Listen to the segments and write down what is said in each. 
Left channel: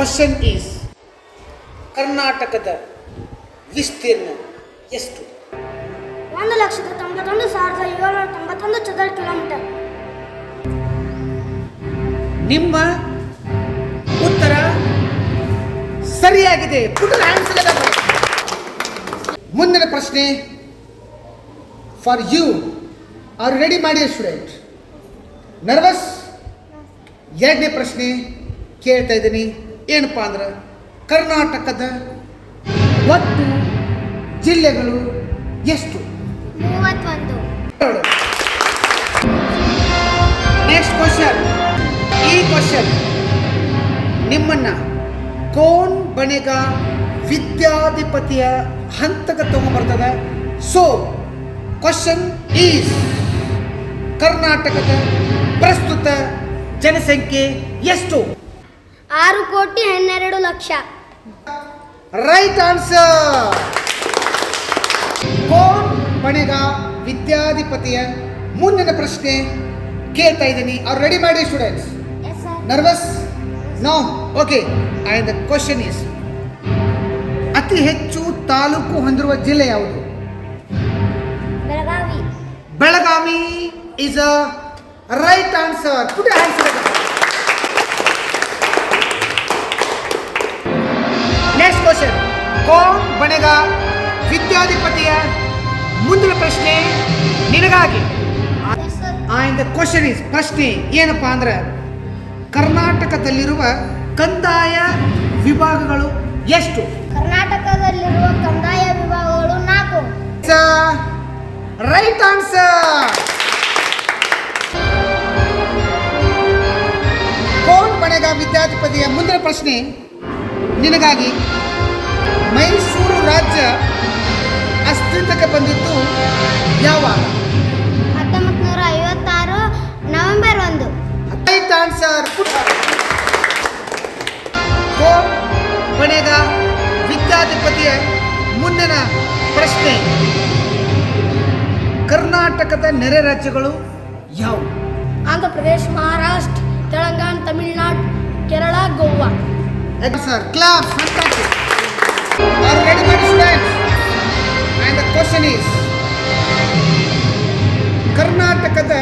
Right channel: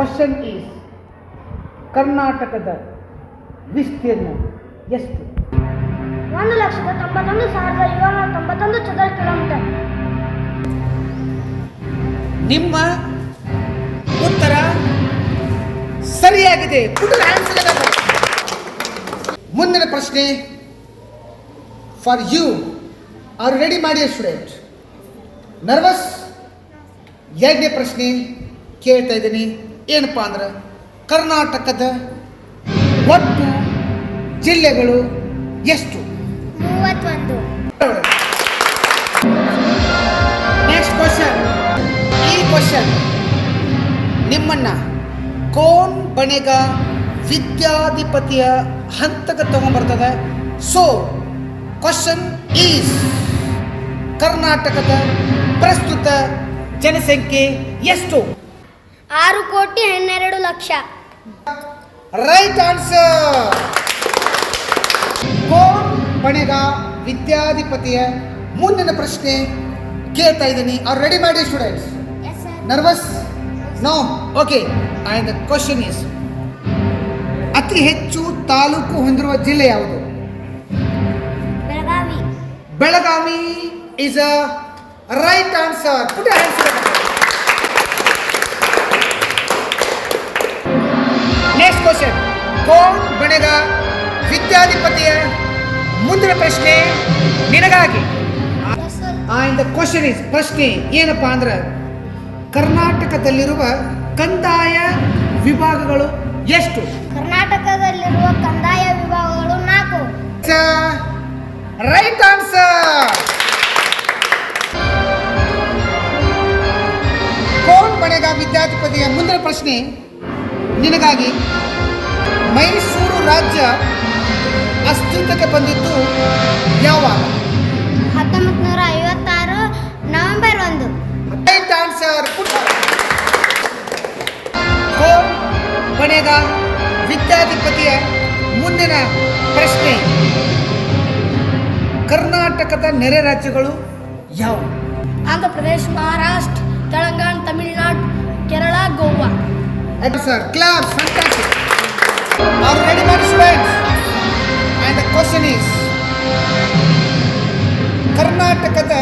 Question is ಕರ್ನಾಟಕದ ವಿಸ್ತೀರ್ಣ ಎಷ್ಟು? 1,91,791 ಚದರ ಕಿಲೋಮೀಟರ್. ನಿಮ್ಮ ಉತ್ತರ ಸರಿಯಾಗಿದೆ. ಮುಂದಿನ ಪ್ರಶ್ನೆ ಫಾರ್ ಯು. ಆರ್ ರೆಡಿ ಮಾಡಿ ಸ್ಟೂಡೆಂಟ್? ನರ್ವಸ್? ಎರಡನೇ ಪ್ರಶ್ನೆ ಕೇಳ್ತಾ ಇದ್ದೀನಿ. ಏನಪ್ಪಾ ಅಂದ್ರೆ ಕರ್ನಾಟಕದ ಒಟ್ಟು ಜಿಲ್ಲೆಗಳು ಎಷ್ಟು? 31. Next question. ಈ ಕ್ವಶನ್ ನಿಮ್ಮನ್ನ ಕೋನ್ ಬಣೆಗ ವಿದ್ಯಾಧಿಪತಿಯ ಹಂತಕ್ಕೆ ತಗೊಂಡ್ಬರ್ತದೆ. ಸೊ ಕ್ವಶನ್ ಈಸ್ ಕರ್ನಾಟಕದ ಪ್ರಸ್ತುತ ಜನಸಂಖ್ಯೆ ಎಷ್ಟು? 6,12,00,000. Right answer. ಕೋನ್ ಬಣೆಗ ವಿದ್ಯಾಧಿಪತಿಯ ಮುಂದಿನ ಪ್ರಶ್ನೆ ಕೇಳ್ತಾ ಇದ್ದೀನಿ. ಅವ್ರು ರೆಡಿ ಮಾಡಿ students? Nervous? No. Okay. And the question is ಅತಿ ಹೆಚ್ಚು ತಾಲೂಕು ಹೊಂದಿರುವ ಜಿಲ್ಲೆ ಯಾವುದು? Belagavi. Belagavi is a right answer. Put your hands together. Next question. Kaun Banega ವಿದ್ಯಾಧಿಪತಿಯ ಮುಂದಿನ ಪ್ರಶ್ನೆ ನಿನಗಾಗಿ. And the question is, ಪ್ರಶ್ನೆ ಏನಪ್ಪಾ ಅಂದ್ರೆ ಕರ್ನಾಟಕದಲ್ಲಿರುವ ಕಂದಾಯ ವಿಭಾಗಗಳು ಎಷ್ಟು? ಕರ್ನಾಟಕದಲ್ಲಿರುವ ಕಂದಾಯ ವಿಭಾಗಗಳು 4. Right answer. ಕೌನ್ ಬಣೆಗ ವಿದ್ಯಾಧಿಪತಿಯ ಮುಂದಿನ ಪ್ರಶ್ನೆ ನಿನಗಾಗಿ. ಮೈಸೂರು ರಾಜ್ಯ ಅಸ್ತಿತ್ವಕ್ಕೆ ಬಂದಿದ್ದು ಯಾವಾಗ? 1956 November 1. Right answer. Kaun Banega ವಿದ್ಯಾಧಿಪತಿಯ ಮುಂದಿನ ಪ್ರಶ್ನೆ ಕರ್ನಾಟಕದ ನೆರೆ ರಾಜ್ಯಗಳು ಯಾವುವು? Andhra Pradesh, Maharashtra, Telangana, Tamil Nadu, Kerala, Goa. Sir class. Fantastic. Are ready ಮಾಡಿ students? And the question is ಕರ್ನಾಟಕದ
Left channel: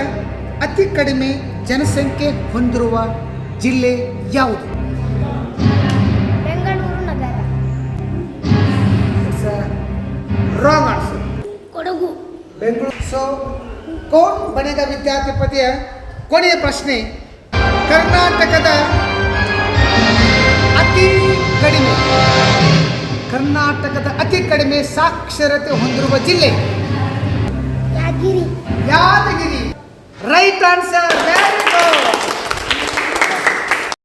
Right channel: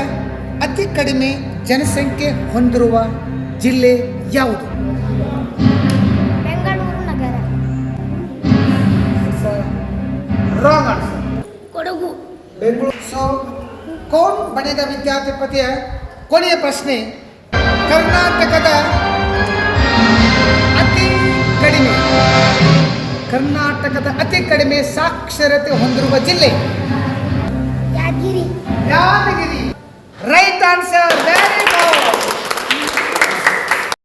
ಅತಿ ಕಡಿಮೆ ಜನಸಂಖ್ಯೆ ಹೊಂದಿರುವ ಜಿಲ್ಲೆ ಯಾವುದು? ಬೆಂಗಳೂರು ನಗರ. Wrong answer. Kodagu. Bengaluru. So Kaun Banega ವಿದ್ಯಾಧಿಪತಿಯ ಕೊನೆಯ ಪ್ರಶ್ನೆ ಕರ್ನಾಟಕದ ಅತಿ ಕಡಿಮೆ ಸಾಕ್ಷರತೆ ಹೊಂದಿರುವ ಜಿಲ್ಲೆ Yadgiri. Yadgiri. Right answer. Very good.